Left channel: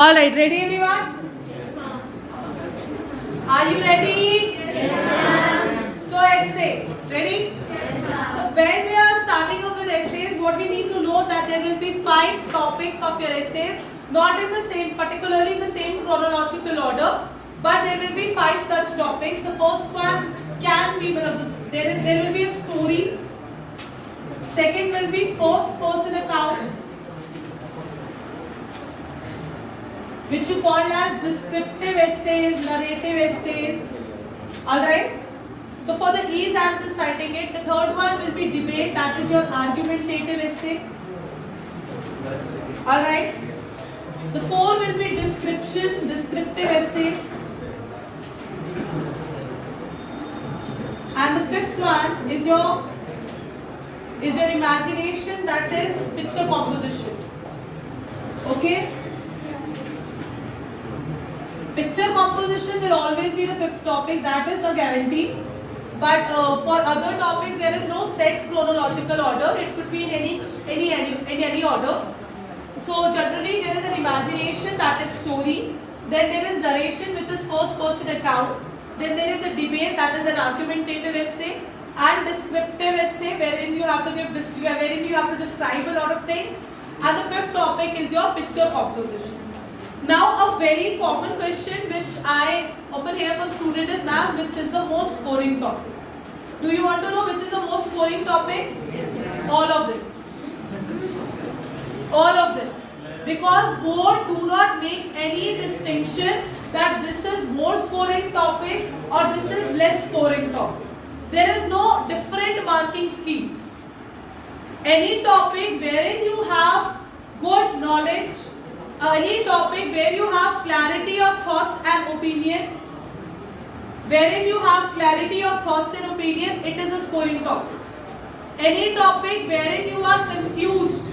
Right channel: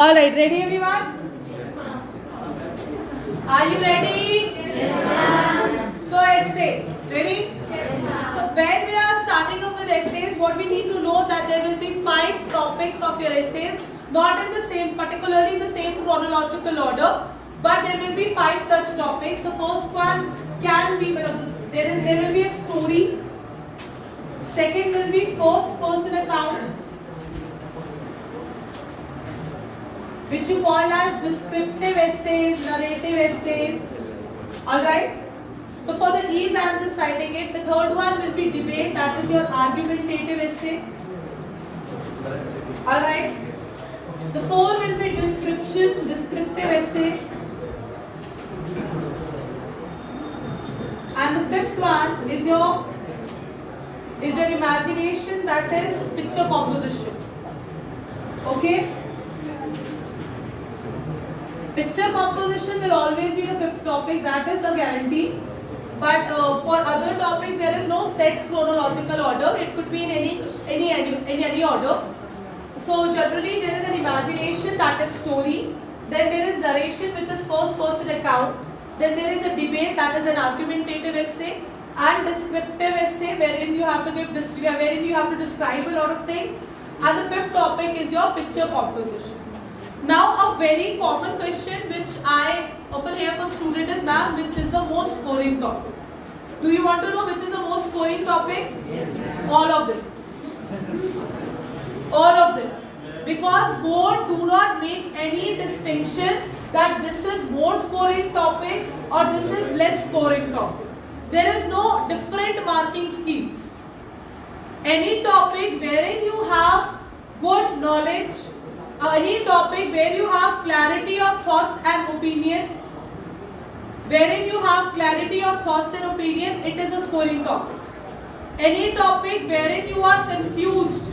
Alright, ready everyone? Yes, ma'am. Are you ready? Yes, ma'am. So essay, ready? Yes, ma'am. So when we are starting up with essays, what we need to know that there will be 5 topics of your essays, not in the same, particularly in the same chronological order, but there will be 5 such topics. The first one can be, there will be a story. Second will be first person account, which you call as descriptive essays, narrative essays. Alright? So for the ease I am just writing it. The third one will be debate, that is your argumentative essay. Alright? The fourth will be description, descriptive essay. And the fifth one is your imagination, that is picture composition. Okay? Picture composition will always be the fifth topic, that is the guarantee. But for other topics, there is no set chronological order. It could be in any order. So generally, there is an imagination, that is story. Then there is narration, which is first person account. Then there is a debate, that is an argumentative essay, and descriptive essay, wherein you have to describe a lot of things. And the fifth topic is your picture composition. Now, a very common question which I often hear from students is, ma'am, which is the most scoring topic? Do you want to know which is the most scoring topic? Yes. All of them. All of them. Because board do not make any distinction that this is more scoring topic or this is less scoring topic. There is no different marking schemes. Any topic wherein you have good knowledge, any topic where you have clarity of thoughts and opinion, it is a scoring topic. Any topic wherein you are confused,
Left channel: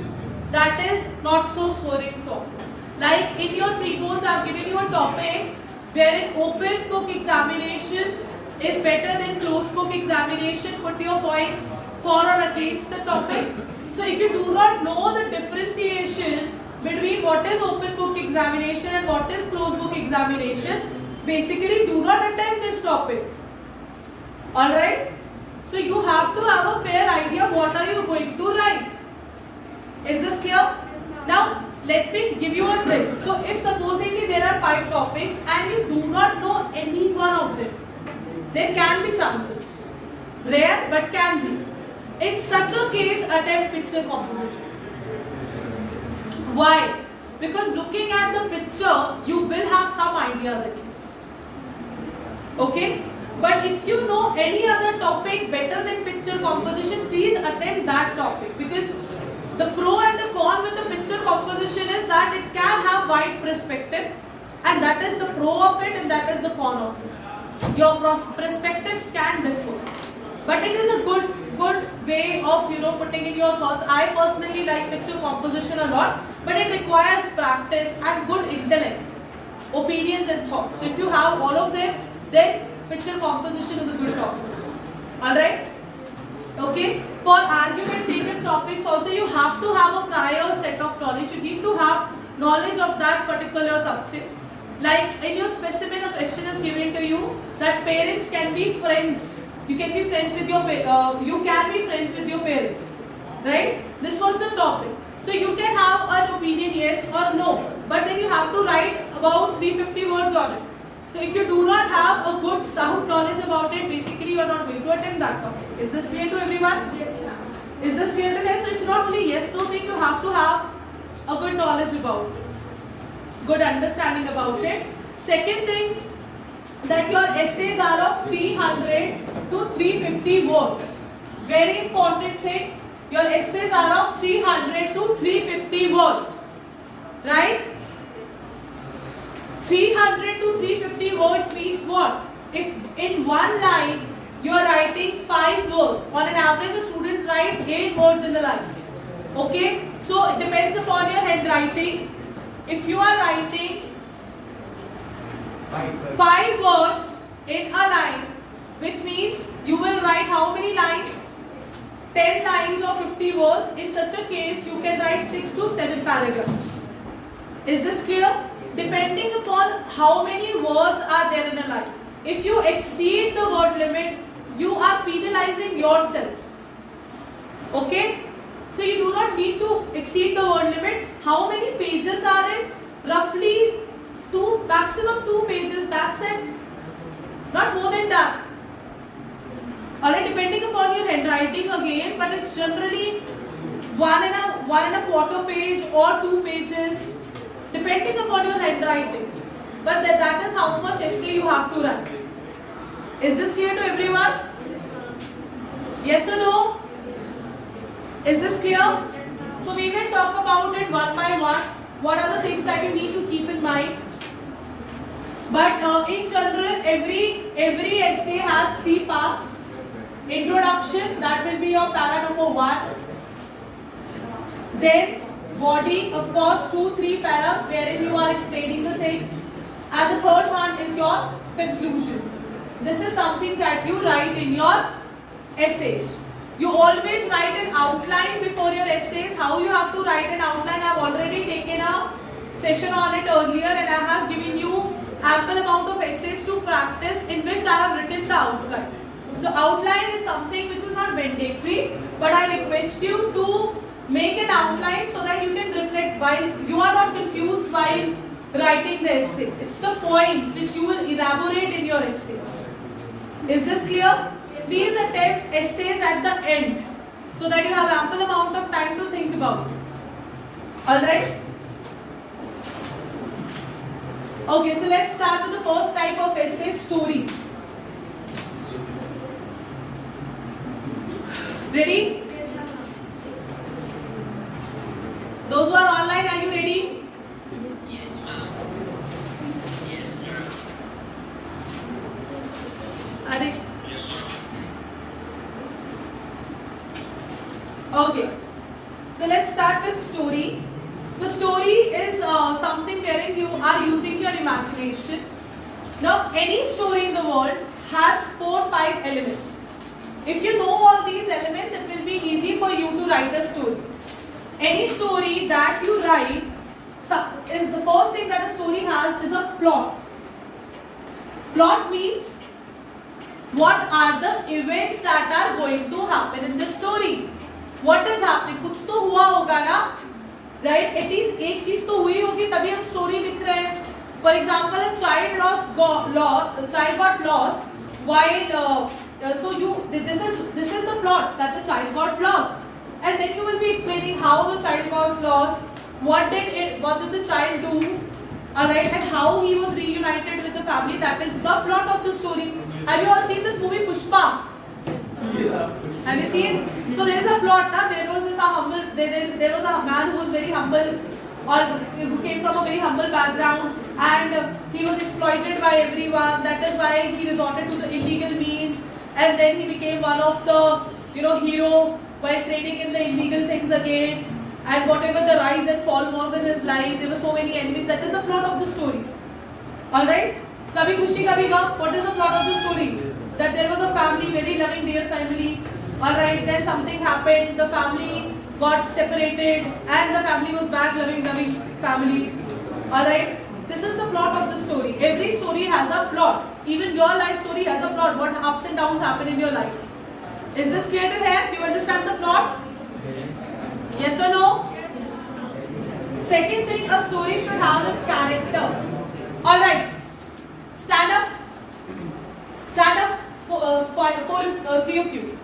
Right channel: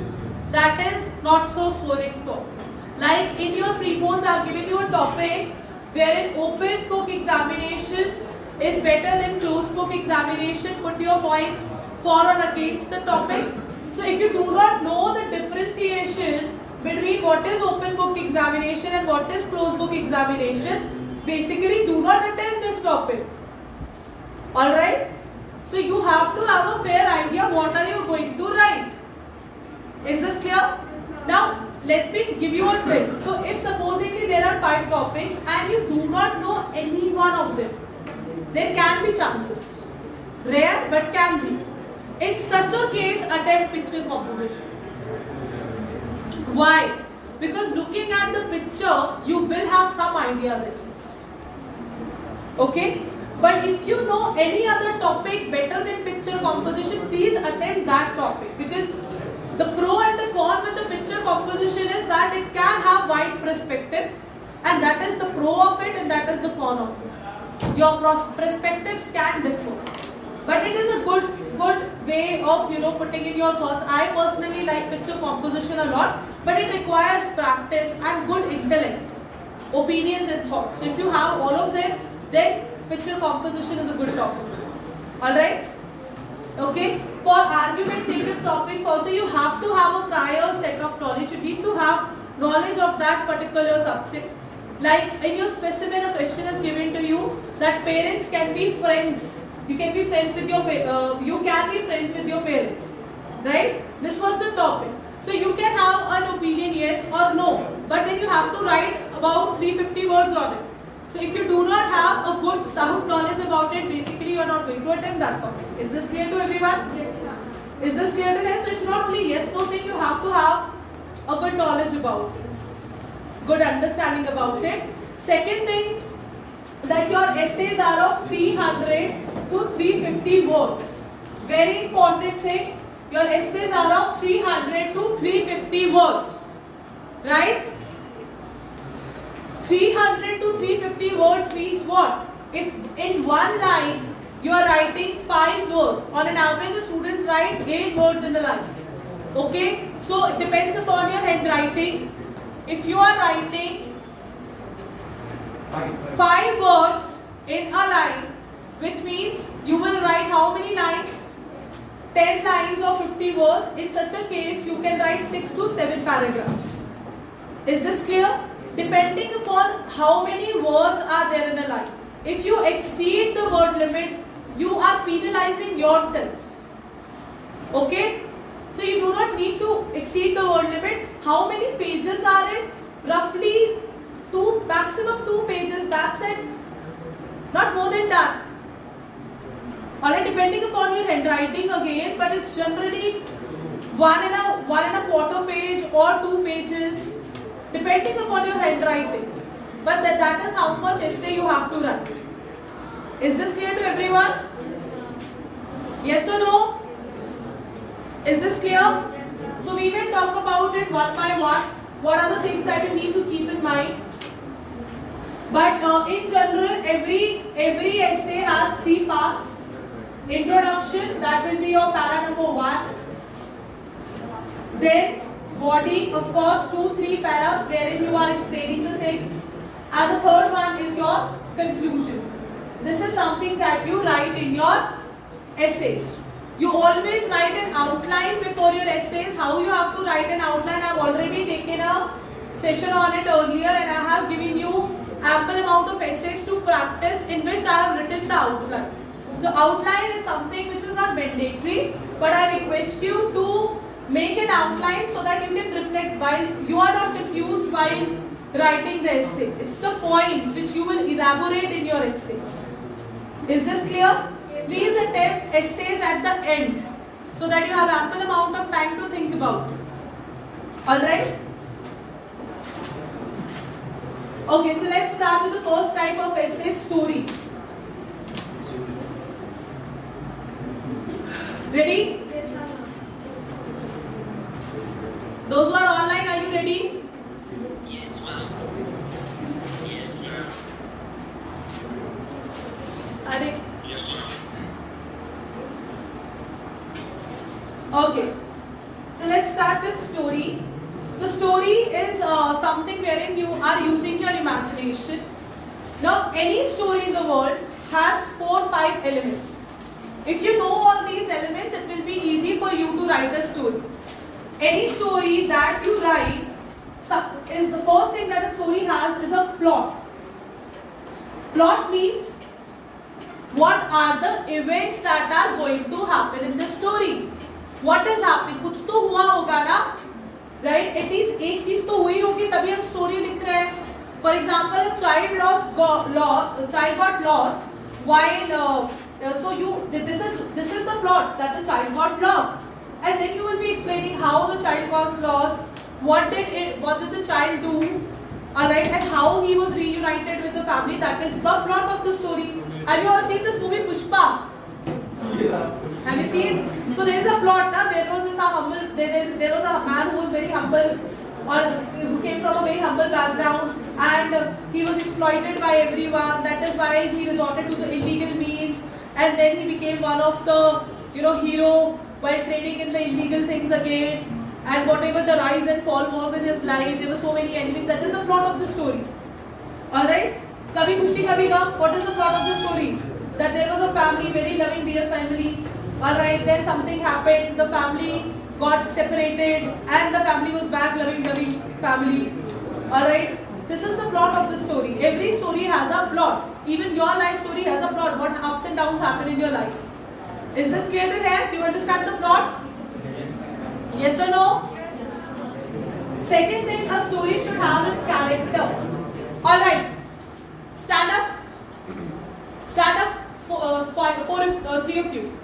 that is not so scoring topic. Like in your pre-boards, I have given you a topic wherein open book examination is better than closed book examination. Put your points for or against the topic. So if you do not know the differentiation between what is open book examination and what is closed book examination, basically do not attempt this topic. Alright? So you have to have a fair idea what are you going to write. Is this clear? Now let me give you a trick. So if supposedly there are 5 topics and you do not know any one of them, there can be chances. Rare but can be. In such a case, attempt picture composition. Why? Because looking at the picture, you will have some ideas at least. Okay? But if you know any other topic better than picture composition, please attempt that topic. Because the pro and the con with the picture composition is that it can have wide perspective, and that is the pro of it and that is the con of it. Your perspectives can differ. But it is a good way of putting in your thoughts. I personally like picture composition a lot, but it requires practice and good intellect, opinions and thoughts. So if you have all of them, then picture composition is a good topic. Alright? Okay? For argumentative topics also, you have to have a prior set of knowledge. You need to have knowledge of that particular subject. Like in your specimen, a question is given to you that parents can be friends. You can be friends with your parents, right? This was the topic. So you can have an opinion, yes or no, but then you have to write about 350 words on it. So if you do not have a good sound knowledge about it, basically you are not going to attempt that topic. Is this clear to everyone? Yes, ma'am. Is this clear to them? So it's not only yes, no thing, you have to have a good knowledge about it, good understanding about it. Second thing, that your essays are of 300 to 350 words. Very important thing, your essays are of 300 to 350 words. Right? 300 to 350 words means what? If in one line you are writing 5 words, on an average a student writes 8 words in a line. Okay? So it depends upon your handwriting. If you are writing 5 words in a line, which means you will write how many lines? 10 lines or 50 words. In such a case, you can write 6 to 7 paragraphs. Is this clear? depending upon how many words are there in a line. If you exceed the word limit, you are penalizing yourself. Okay? So you do not need to exceed the word limit. How many pages are it? Roughly maximum 2 pages, that's it. Not more than that. Alright, depending upon your handwriting again, but it's generally one and a quarter page or 2 pages, depending upon your handwriting. But that is how much essay you have to write. Is this clear to everyone? Yes or no? Is this clear? So we will talk about it one by one. What are the things that you need to keep in mind? But in general, every essay has 3 parts. Introduction, that will be your para number 1. Then body, of course, 2-3 paras wherein you are explaining the things. And the third one is your conclusion. This is something that you write in your essays. You always write an outline before your essays. How you have to write an outline, I have already taken a session on it earlier, and I have given you ample amount of essays to practice in which I have written the outline. The outline is something which is not mandatory, but I request you to make an outline so that you can reflect while you are not confused while writing the essay. It's the points which you will elaborate in your essays. Is this clear? Please attempt essays at the end so that you have ample amount of time to think about it. Alright? Okay, so let's start with the first type of essay, story. Ready? Those who are online, are you ready? Yes, ma'am. Yes, ma'am. Are Yes, ma'am. Okay. So let's start with story. So story is something wherein you are using your imagination. Now any story in the world has 4-5 elements. If you know all these elements, it will be easy for you to write a story. Any story that you write is the first thing that a story has is a plot. Plot means what are the events that are going to happen in the story. What is happening? कुछ तो हुआ होगा ना, right? At least एक चीज तो हुई होगी तभी हम story लिख रहे हैं. For example, a child got lost while this is the plot that the child got lost, and then you will be explaining how the child got lost, what did the child do, alright, and how he was reunited with the family. That is the plot of the story. Have you all seen this movie Pushpa? Yeah. Have you seen? So there is a plot. There was a man who was very humble, or who came from a very humble background, and he was exploited by everyone. That is why he resorted to the illegal means, and then he became one of the hero while trading in the illegal things again. And whatever the rise and fall was in his life, there were so many enemies. That is the plot of the story. Alright? Kabhi Khushi Kabhi Gham. What is the plot of the story? That there was a family, very loving, dear family. Alright, then something happened. The family got separated, and the family was back, loving family. Alright? This is the plot of the story. Every story has a plot. Even your life story has a plot. What ups and downs happen in your life. Is this clear to here? Do you understand the plot? Yes or no? Yes. Second thing a story should have is character. Alright. Stand up. Stand up for 3 of you.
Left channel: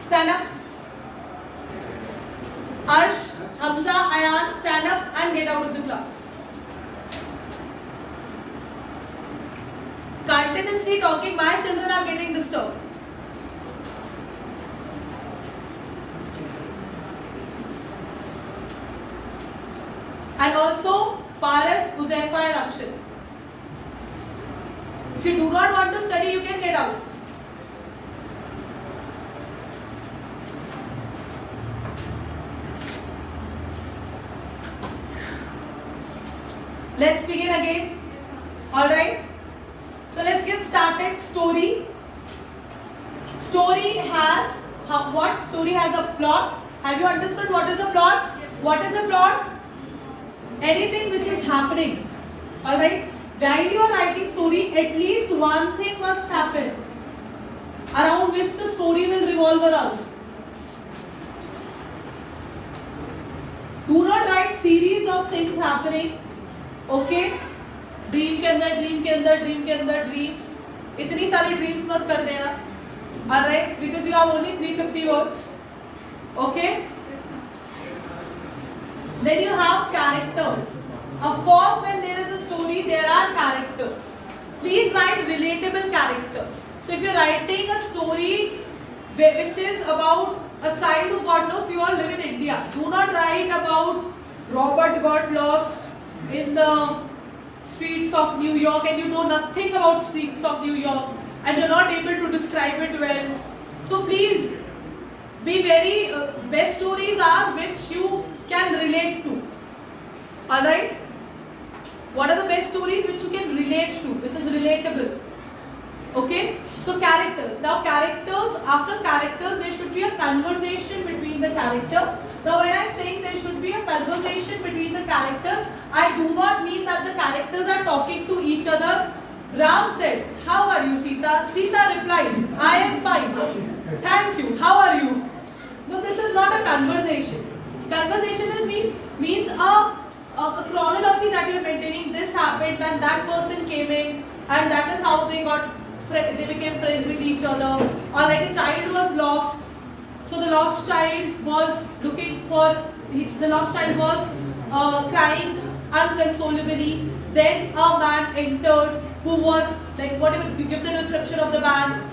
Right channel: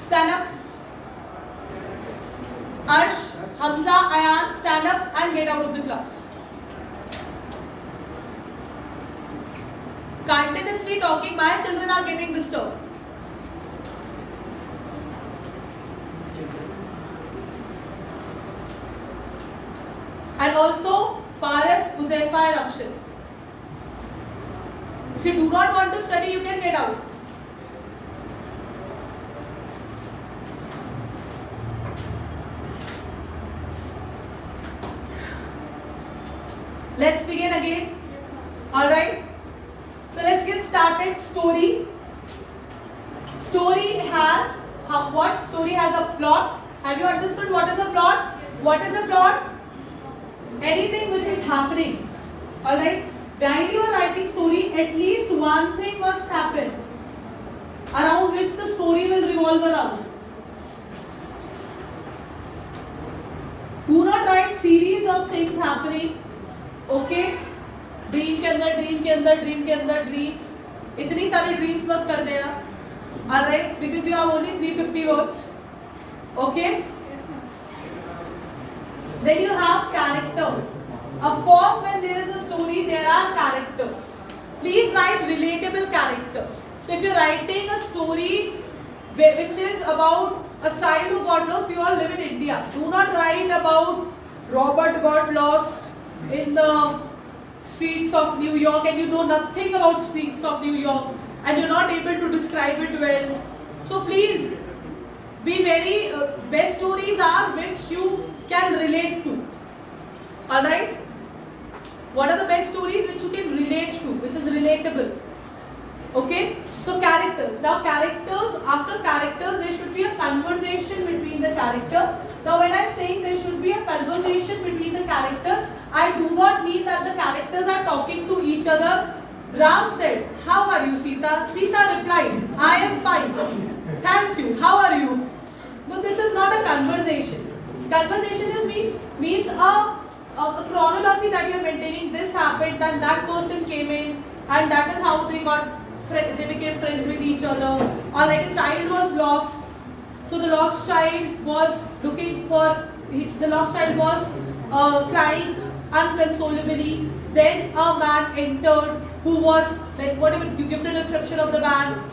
Stand up. Arsh, Hamza, Ayan, stand up and get out of the class. Continuously talking, my children are getting disturbed. And also Paras, Huzaifa and Akshay. If you do not want to study, you can get out. Let's begin again. Alright. So let's get started. Story. Story has what? Story has a plot. Have you understood what is a plot? What is a plot? anything which is happening. Alright? While you are writing story, at least one thing must happen around which the story will revolve around. Do not write series of things happening. Okay? Dream के अंदर dream के अंदर dream के अंदर dream, इतनी सारी dreams मत कर देना. Alright? Because you have only 350 words. Okay? Then you have characters. Of course, when there is a story, there are characters. Please write relatable characters. So if you're writing a story which is about a child who got lost, we all live in India. Do not write about Robert got lost in the streets of New York and you know nothing about streets of New York and you're not able to describe it well. So please be very, best stories are which you can relate to. Alright? What are the best stories which you can relate to, which is relatable? Okay? So characters. Now characters, after characters there should be a conversation between the character. Now when I am saying there should be a conversation between the character, I do not mean that the characters are talking to each other. Ram said, "How are you, Sita?" Sita replied, "I am fine. Thank you. How are you?" No, this is not a conversation. Conversation means a chronology that you are maintaining. This happened, then that person came in, and that is how they became friends with each other. Or like a child was lost, so the lost child was looking for, the lost child was crying unconsolably. Then a man entered who was like, whatever you give the description of the man,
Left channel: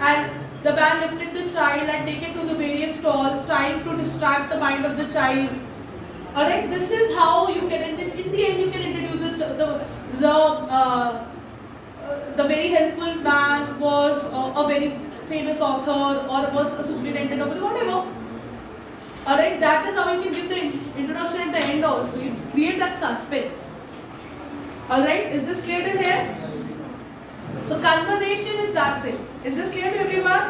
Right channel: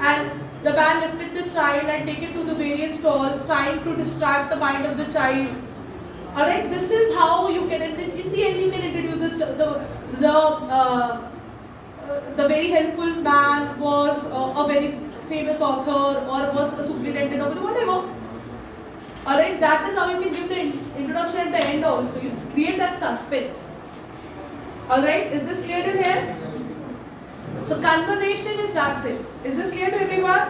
and the man lifted the child and take it to the various stalls, trying to distract the mind of the child. Alright, this is how you can, in the end you can introduce the very helpful man was a very famous author or was a superintendent or whatever. Alright, that is how you can give the introduction at the end also. You create that suspense. Alright, is this clear till here? So conversation is that thing. Is this clear to everyone?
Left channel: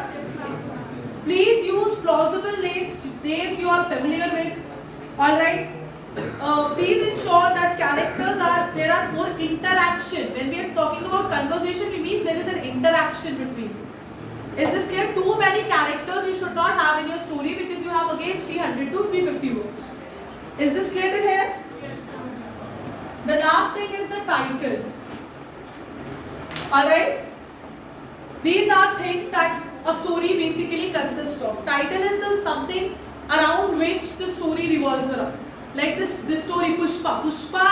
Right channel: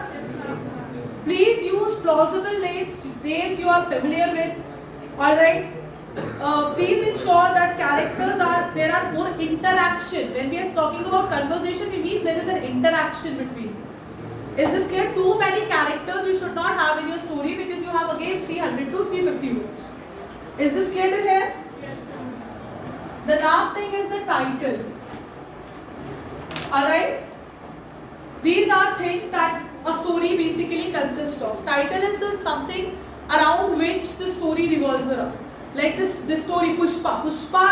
Please use plausible names you are familiar with. Alright. Please ensure that there are more interaction. When we are talking about conversation, we mean there is an interaction between them. Is this clear? Too many characters you should not have in your story because you have again 300 to 350 words. Is this clear till here? The last thing is the title. Alright? These are things that a story basically consists of. Title is the something around which the story revolves around. Like this story Pushpa. Pushpa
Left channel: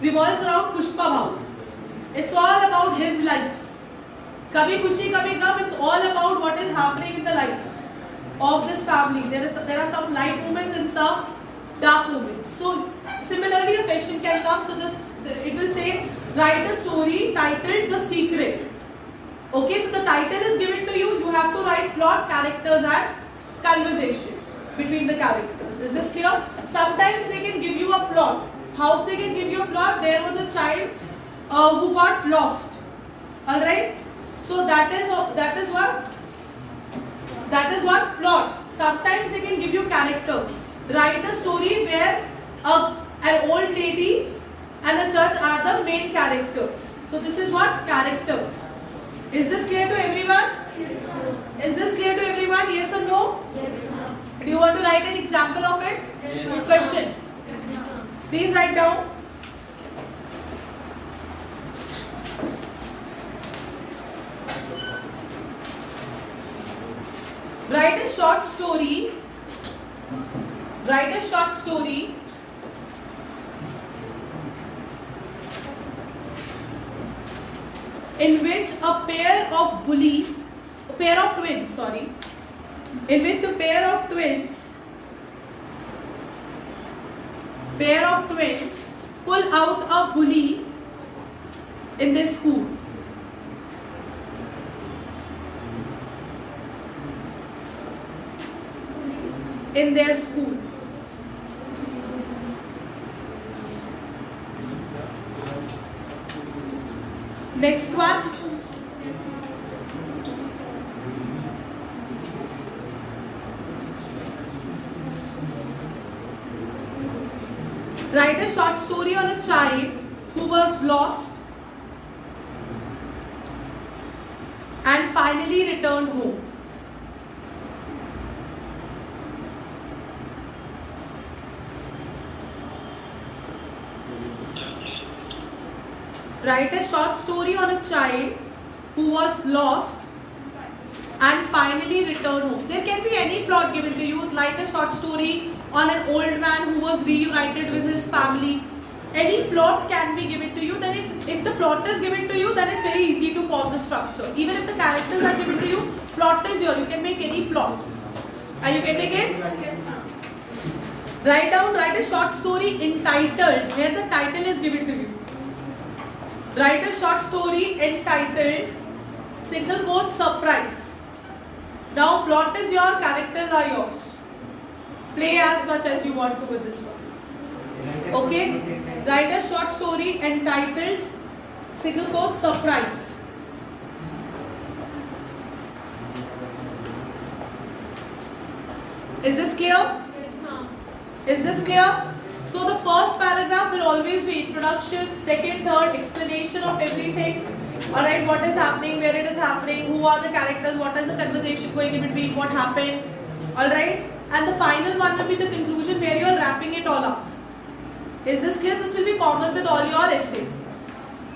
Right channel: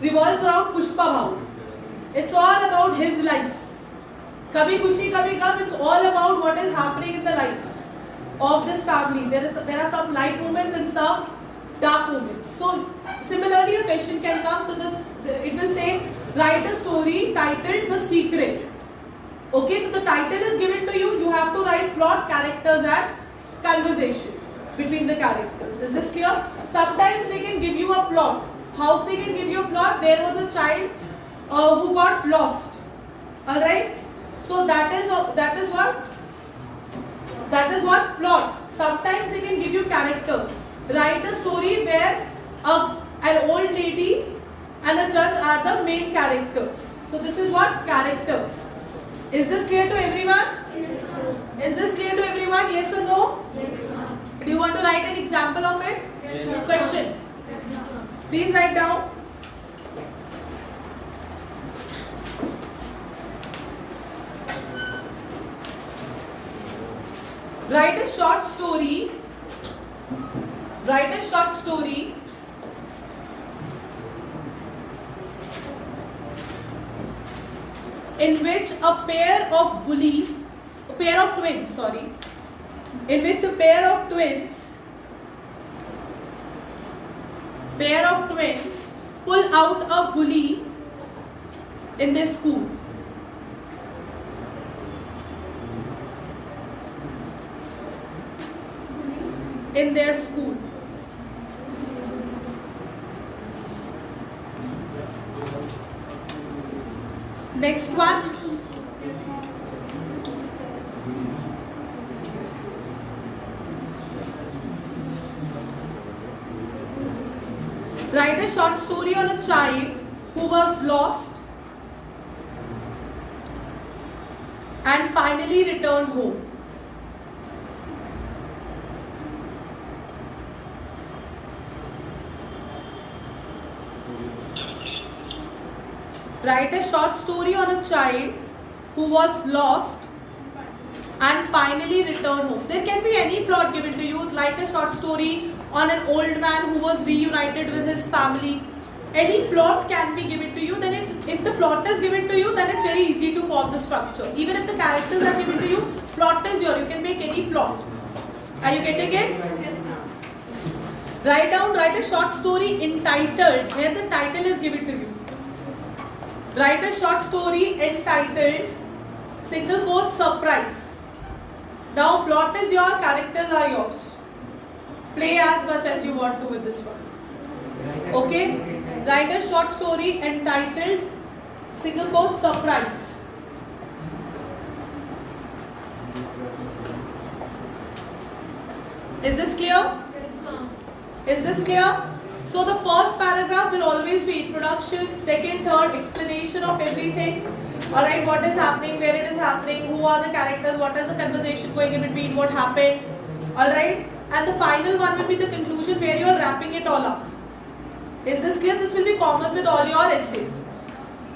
revolves around Pushpa Bhav. It's all about his life. Kabhi Khushi Kabhi Gham, it's all about what is happening in the life of this family. There are some light moments and some dark moments. So similarly a question can come. So it will say, write a story titled The Secret. Okay, so the title is given to you. You have to write plot, characters and conversation between the characters. Is this clear? Sometimes they can give you a plot. How they can give you a plot? There was a child who got lost. Alright? So that is what plot. Sometimes they can give you characters. Write a story where an old lady and a judge are the main characters. So this is what characters. Is this clear to everyone? Yes. Is this clear to everyone? Yes or no? Yes, ma'am. Do you want to write an example of it? Yes. Question. Yes, please write down. Write a short story. Write a short story in which a pair of twins pull out a bully in their school. Next one. Write a short story on a child who was lost and finally returned home. Write a short story on a child who was lost and finally returned home. There can be any plot given to you. Write a short story on an old man who was reunited with his family. Any plot can be given to you. Then if the plot is given to you, then it's very easy to form the structure. Even if the characters are given to you, plot is yours. You can make any plot. Are you getting it? Write a short story entitled, where the title is given to you. Write a short story entitled, single quote, surprise. Now plot is your, characters are yours. Play as much as you want to with this one. Okay? Write a short story entitled, single quote, surprise. Is this clear? Yes, ma'am. Is this clear? So the first paragraph will always be introduction, second, third, explanation of everything. Alright, what is happening, where it is happening, who are the characters, what is the conversation going in between, what happened. Alright, and the final one will be the conclusion where you are wrapping it all up. Is this clear? This will be common with all your essays.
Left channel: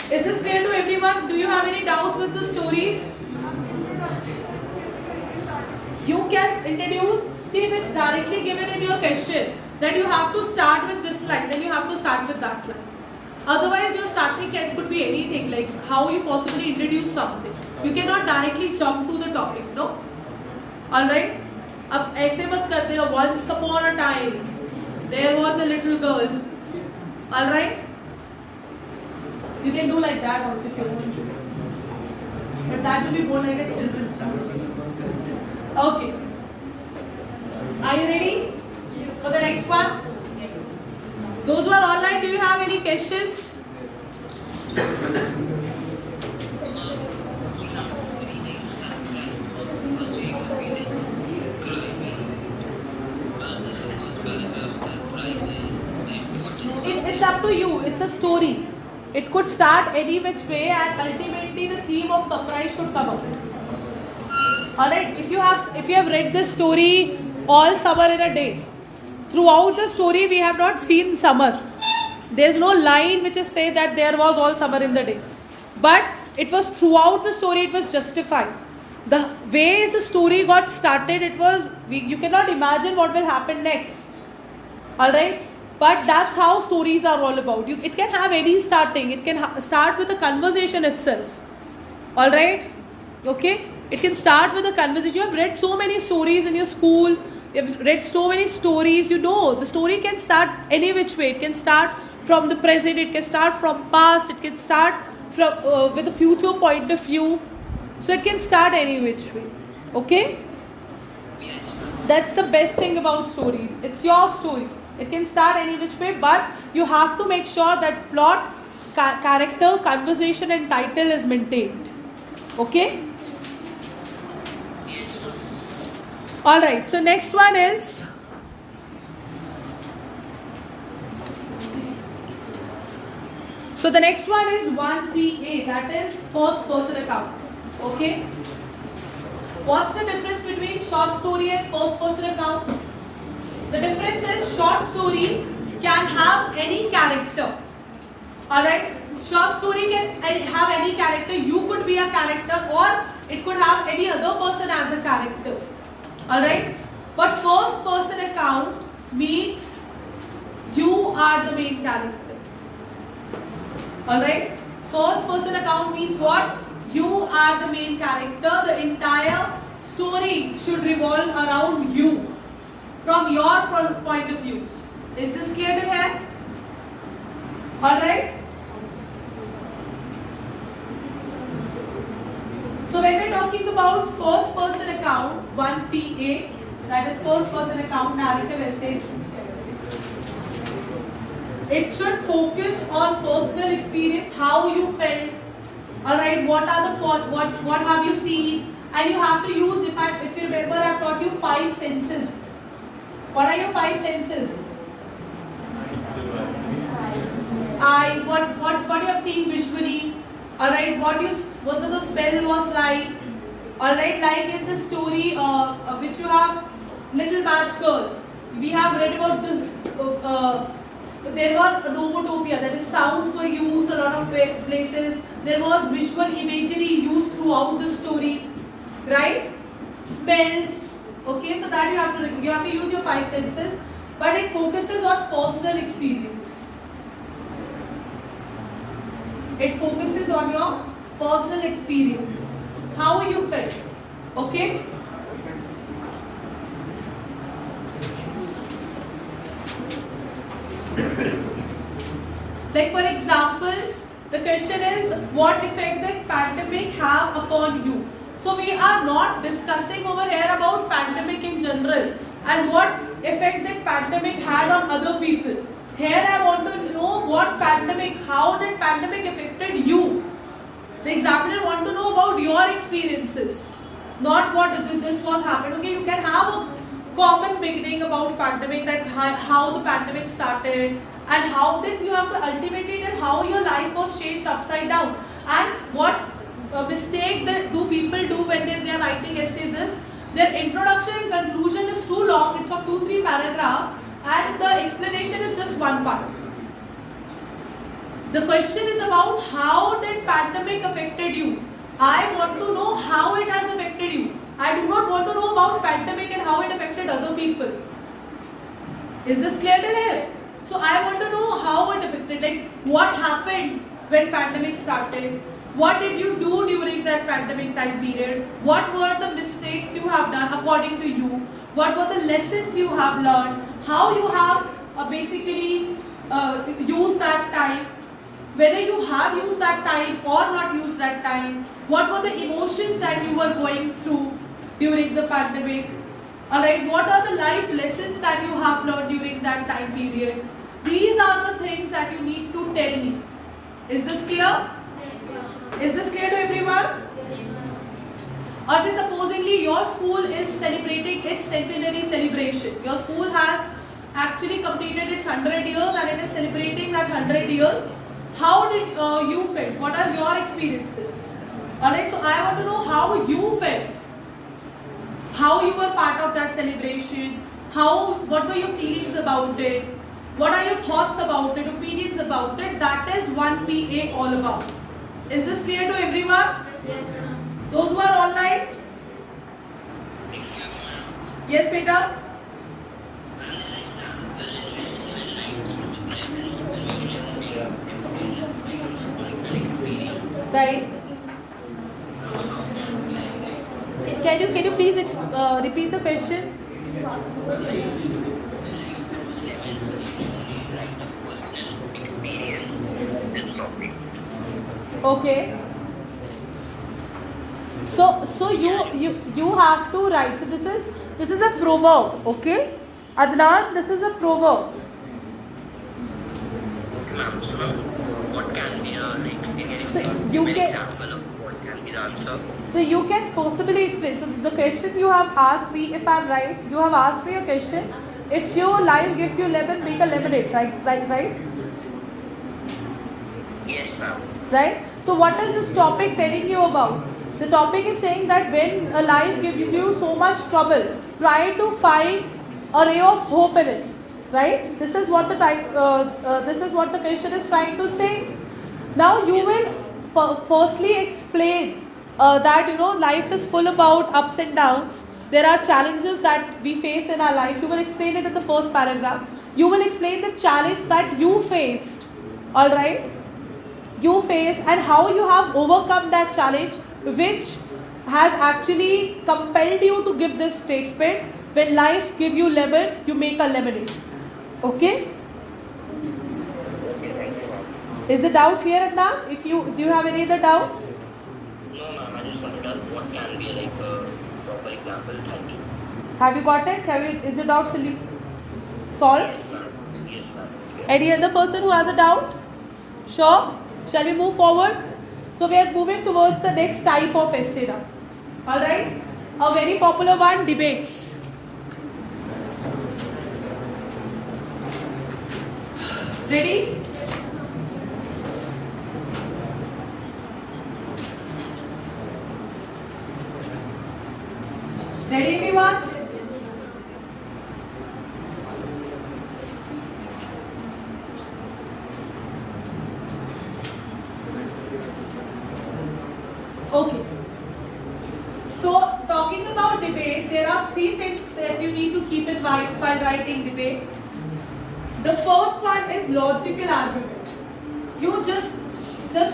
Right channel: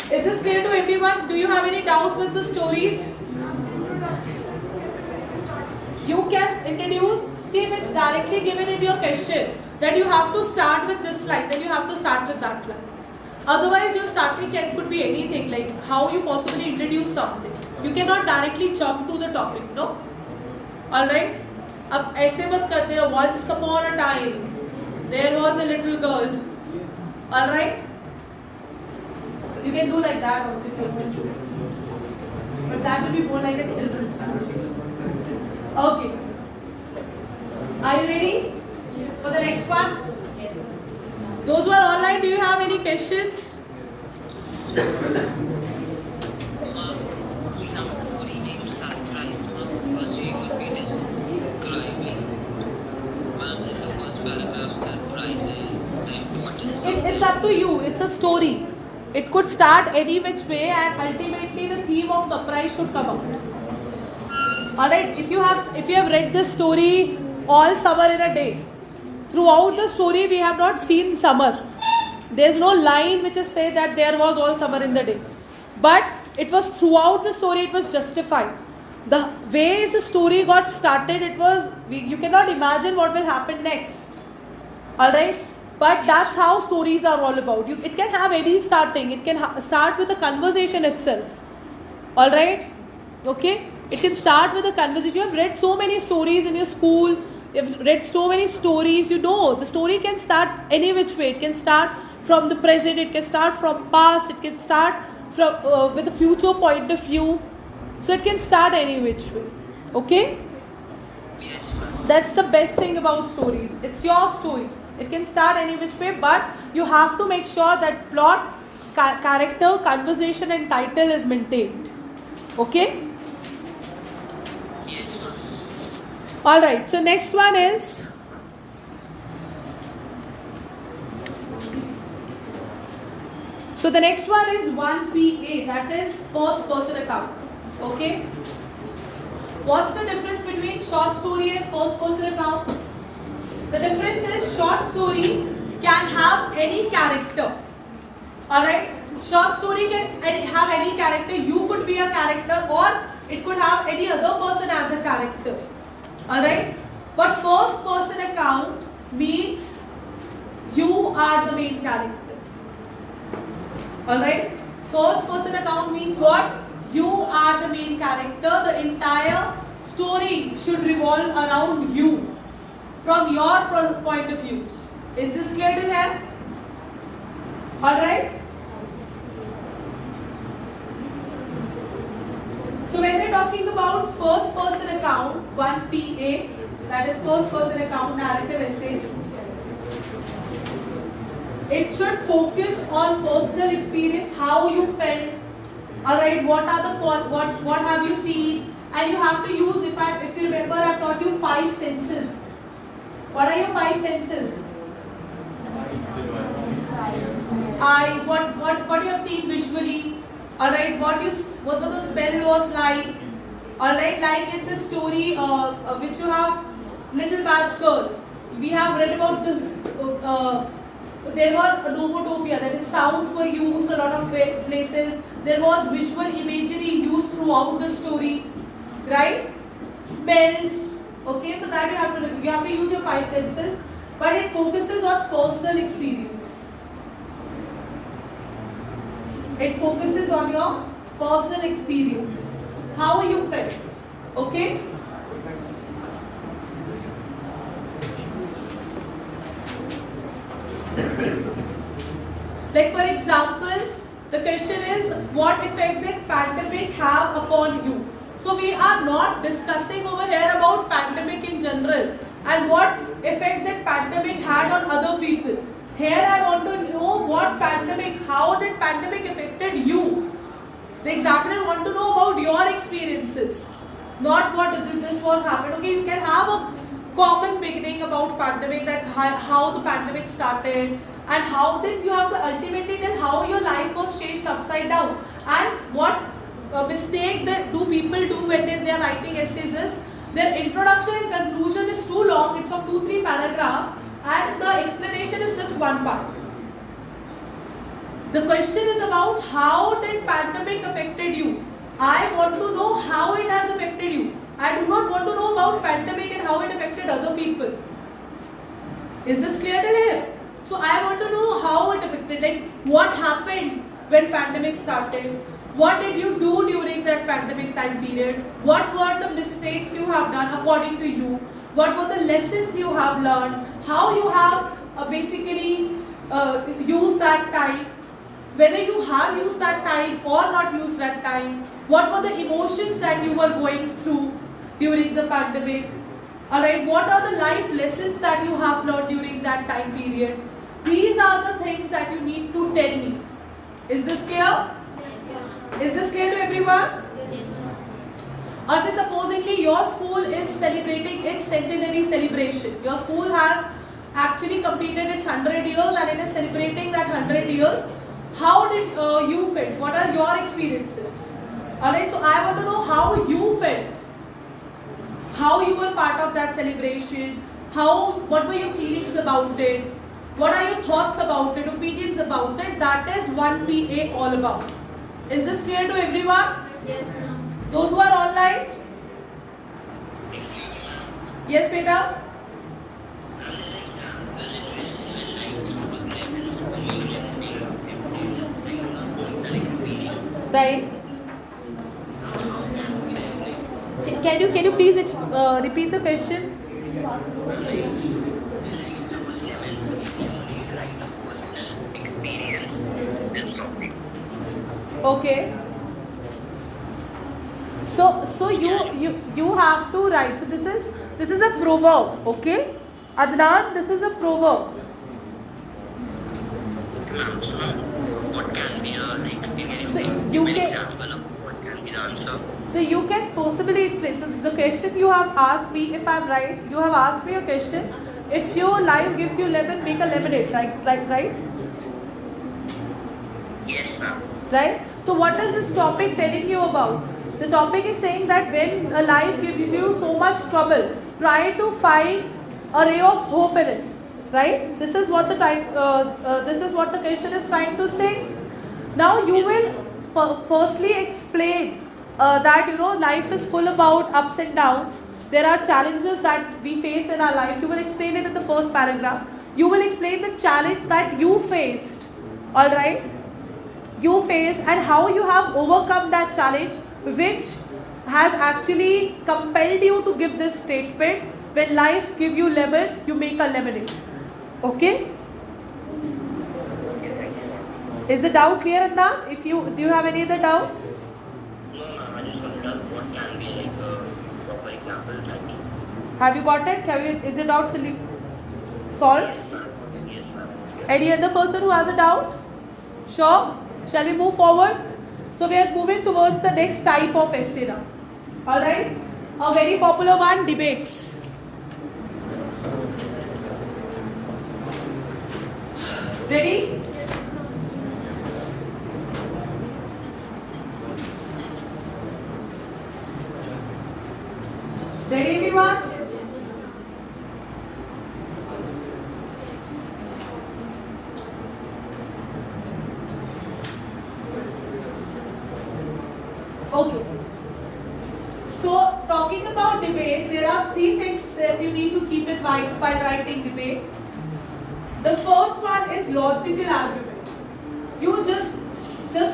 Is this clear to everyone? Do you have any doubts with the stories? You can introduce, see if it's directly given in your question that you have to start with this line, then you have to start with that line. Otherwise your starting could be anything, like how you possibly introduce something. You cannot directly jump to the topics, no? Alright? अब ऐसे मत करते हो. Once upon a time there was a little girl. Alright? You can do like that also if you want to. But that will be more like a children's story. Okay. Are you ready for the next one? Those who are online, do you have any questions? It's up to you. It's a story. It could start any which way, and ultimately the theme of surprise should come up. Alright, if you have read this story all summer in a day, throughout the story we have not seen summer. There is no line which is say that there was all summer in the day. But it was throughout the story, it was justified. The way the story got started, you cannot imagine what will happen next. Alright? But that's how stories are all about. It can have any starting. It can start with a conversation itself. Alright? Okay? It can start with a conversation. You have read so many stories in your school. You have read so many stories. You know, the story can start any which way. It can start from the present. It can start from past. It can start from with a future point of view. So it can start any which way. Okay? That's the best thing about stories. It's your story. It can start any which way, but you have to make sure that plot, character, conversation and title is maintained. Okay? Alright, so next one is the next one is 1PA, that is first person account. Okay? What's the difference between short story and first person account? The difference is short story can have any character. Alright? Short story can have any character. You could be a character, or it could have any other person as a character. Alright? But first person account means you are the main character. Alright? First person account means what? You are the main character. The entire story should revolve around you, from your point of view. Is this clear to have? Alright? So when we're talking about first person account, 1PA, that is first person account narrative essays, it should focus on personal experience, how you felt, alright, what are the what have you seen, and you have to use, if you remember, I've taught you 5 senses. What are your 5 senses? eye, what you have seen visually, all right, what the smell was like, all right, like in the story which you have, Little Match Girl, we have read about this. There was a nomotopia, that is sounds were used a lot of places. There was visual imagery used throughout the story, right? Smell. Okay, so that you have to use your 5 senses, but it focuses on personal experience. It focuses on your personal experience, how you felt. Okay. Like for example, the question is, what effect did pandemic have upon you? So we are not discussing over here about pandemic in general and what effect that pandemic had on other people. Here I want to know what pandemic, how did pandemic affected you? The examiner want to know about your experiences, not what this was happening. Okay, you can have a common beginning about pandemic, that how the pandemic started and how did you have to ultimately tell how your life was changed upside down, and what mistake that do people do when they are writing essays is their introduction and conclusion is too long, it's of 2-3 paragraphs and the explanation is just one part. The question is about how did pandemic affected you. I want to know how it has affected you. I do not want to know about pandemic and how it affected other people. Is this clear till here? So I want to know how it affected, like what happened when pandemic started. What did you do during that pandemic time period? What were the mistakes you have done according to you? What were the lessons you have learned? How you have basically used that time? Whether you have used that time or not used that time? What were the emotions that you were going through during the pandemic? Alright, what are the life lessons that you have learned during that time period? These are the things that you need to tell me. Is this clear? Is this clear to everyone? Or say supposedly your school is celebrating its centenary celebration. Your school has actually completed its 100 years and it is celebrating that 100 years. How did you felt? What are your experiences? Alright, so I want to know how you felt. How you were part of that celebration. What were your feelings about it? What are your thoughts about it, opinions about it? That is 1PA all about. Is this clear to everyone? Yes, ma'am. Those who are online? Yes, Peter? Right. Can you please repeat the question? Experience this topic. Okay. So you have to write. So this is a proverb, okay? Adnan, this is a proverb. Okay, ma'am. So, what can be So you an can- example of what can be the answer? So you can possibly explain. So the question you have asked me, if I'm right, you have asked me a question. If your life gives you lemon, make a lemonade, right? Yes, ma'am. Right? So what is this topic telling you about? The topic is saying that when a life gives you so much trouble, try to find a ray of hope in it. Right? This is what the question is trying to say. Now you will firstly explain that life is full about ups and downs. There are challenges that we face in our life. You will explain it in the first paragraph. You will explain the challenge that you faced. All right? You face and how you have overcome that challenge, which has actually compelled you to give this statement. When life gives you lemon, you make a lemonade. Okay? Is the doubt clear, Adnan? Do you have any other doubts? No, ma'am. I just wanted to ask what can be like a proper example. Thank you. Have you got it? Is the doubt solved? Yes, ma'am. Yes, ma'am. Yes. Any other person who has a doubt? Sure? Shall we move forward? So we are moving towards the next type of essay now. Alright? A very popular one, debates. Ready? Ready everyone? Okay. So talking about debate, there are three things that you need to keep in mind while writing debate. The first one is logical argument. You just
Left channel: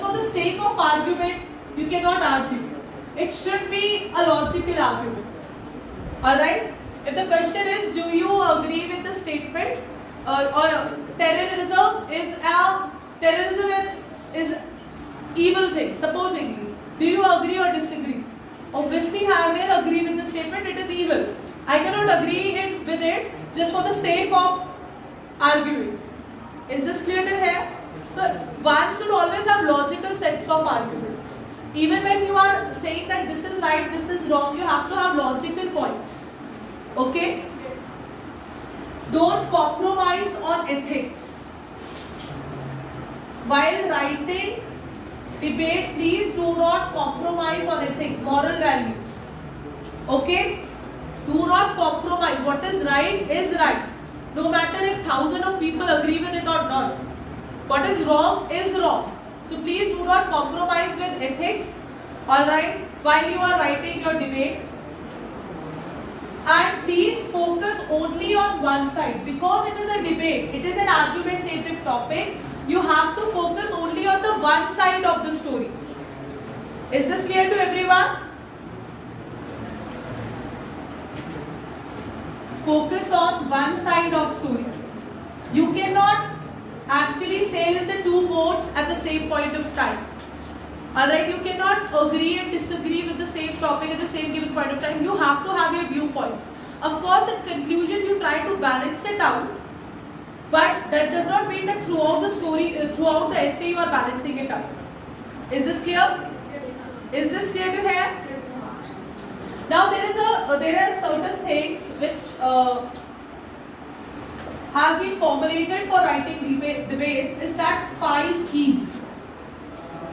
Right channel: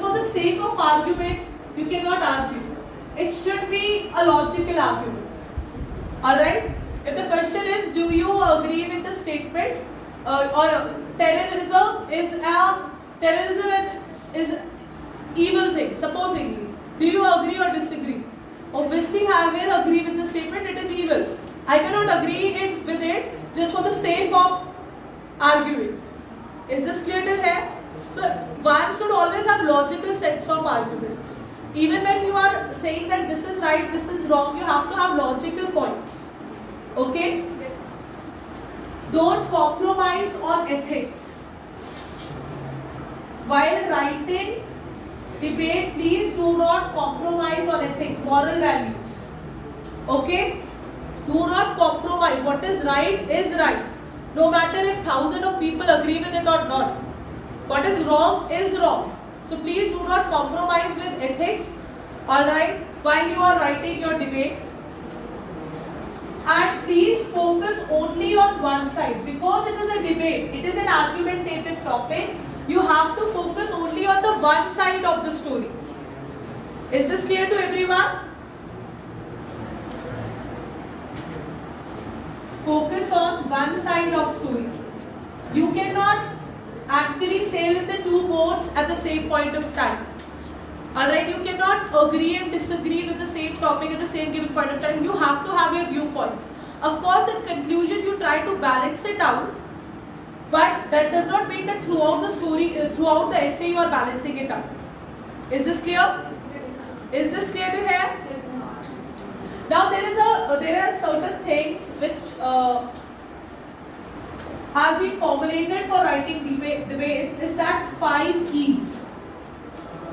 for the sake of argument, you cannot argue. It should be a logical argument. Alright? If the question is, do you agree with the statement or terrorism is evil thing, supposedly. Do you agree or disagree? Obviously, I will agree with the statement, it is evil. I cannot agree with it just for the sake of arguing. Is this clear till here? So, one should always have logical sets of arguments. Even when you are saying that this is right, this is wrong, you have to have logical points. Okay? Don't compromise on ethics. While writing debate, please do not compromise on ethics, moral values. Okay? Do not compromise. What is right, no matter if thousands of people agree with it or not. What is wrong. So please do not compromise with ethics, alright, while you are writing your debate. And please focus only on one side. Because it is a debate, it is an argumentative topic, you have to focus only on the one side of the story. Is this clear to everyone? Focus on one side of story. You cannot actually sail in the two boats at the same point of time. Alright, you cannot agree and disagree with the same topic at the same given point of time. You have to have your viewpoints. Of course, in conclusion, you try to balance it out. But that does not mean that throughout the story, throughout the essay, you are balancing it out. Is this clear? Is this clear to here? Now there are certain things which has been formulated for writing debates. Is that 5 E's.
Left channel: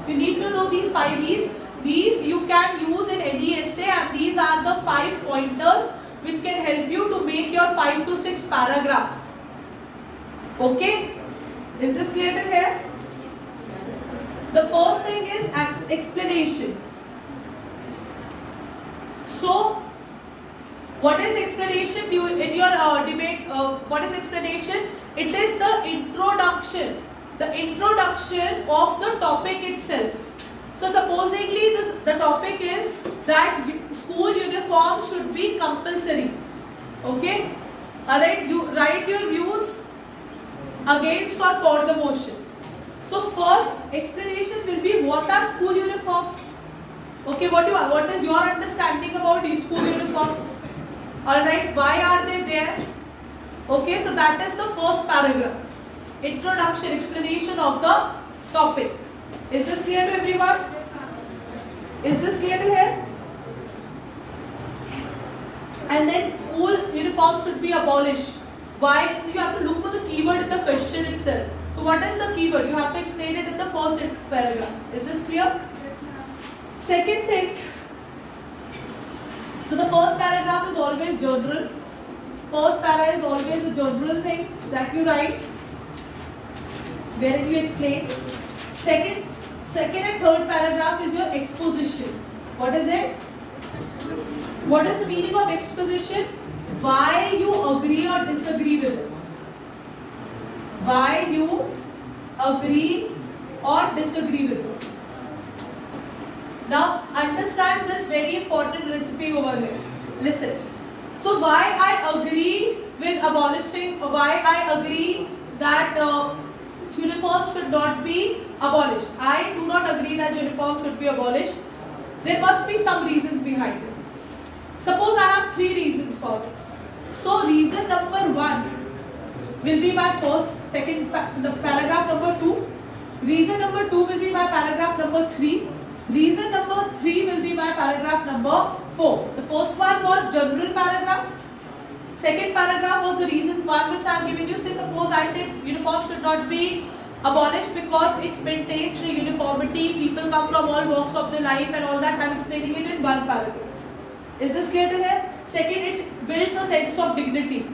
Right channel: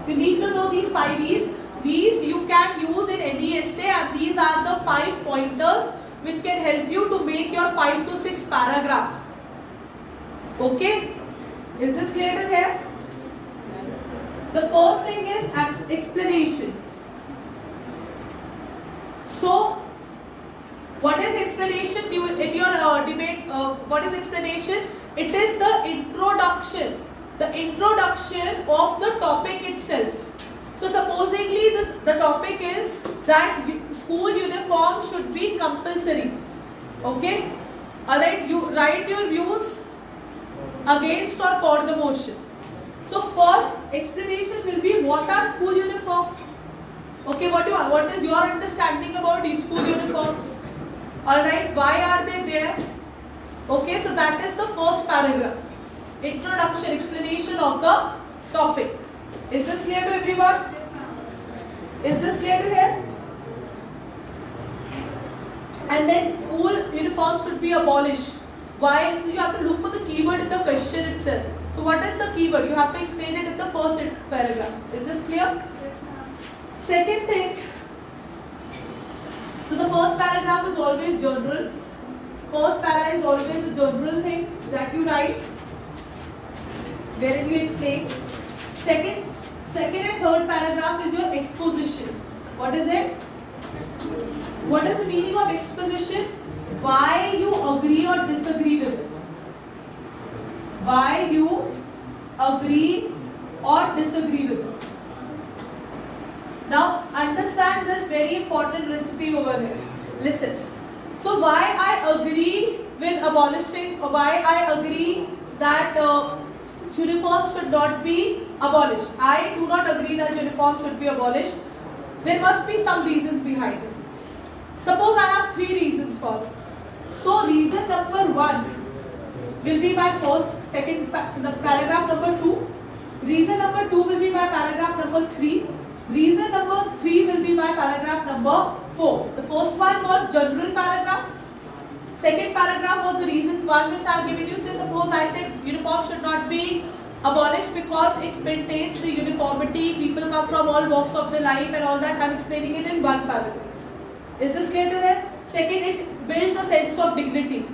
You need to know these 5 E's. These you can use in any essay, and these are the 5 pointers which can help you to make your 5 to 6 paragraphs. Okay? Is this clear to here? The first thing is explanation. So, what is explanation in your debate? What is explanation? It is the introduction. The introduction of the topic itself. So supposedly the topic is that school uniform should be compulsory. Okay? Alright, you write your views against or for the motion. So first explanation will be what are school uniforms? Okay, what is your understanding about these school uniforms? Alright, why are they there? Okay, so that is the first paragraph. Introduction, explanation of the topic. Is this clear to everyone? Is this clear to here? And then school uniform should be abolished. Why? So you have to look for the keyword in the question itself. So what is the keyword? You have to explain it in the first paragraph. Is this clear? Yes, ma'am. Second thing. So the first paragraph is always general. First para is always a general thing that you write, wherein you explain. Second and third paragraph is your exposition. What is it? What is the meaning of exposition? Why you agree or disagree with it. Why you agree or disagree with it. Now understand this very important recipe over here. Listen. So why I agree with abolishing, why I agree that uniform should not be abolished. I do not agree that uniform should be abolished. There must be some reasons behind it. Suppose I have 3 reasons for it. So reason number 1 will be my paragraph number 2. Reason number 2 will be my paragraph number 3. Reason number 3 will be my paragraph number 4. The first one was general paragraph. Second paragraph was the reason 1 which I am giving you. Say suppose I said uniform should not be abolished because it maintains the uniformity. People come from all walks of their life and all that. I am explaining it in 1 paragraph. Is this clear to them? Second, it builds a sense of dignity.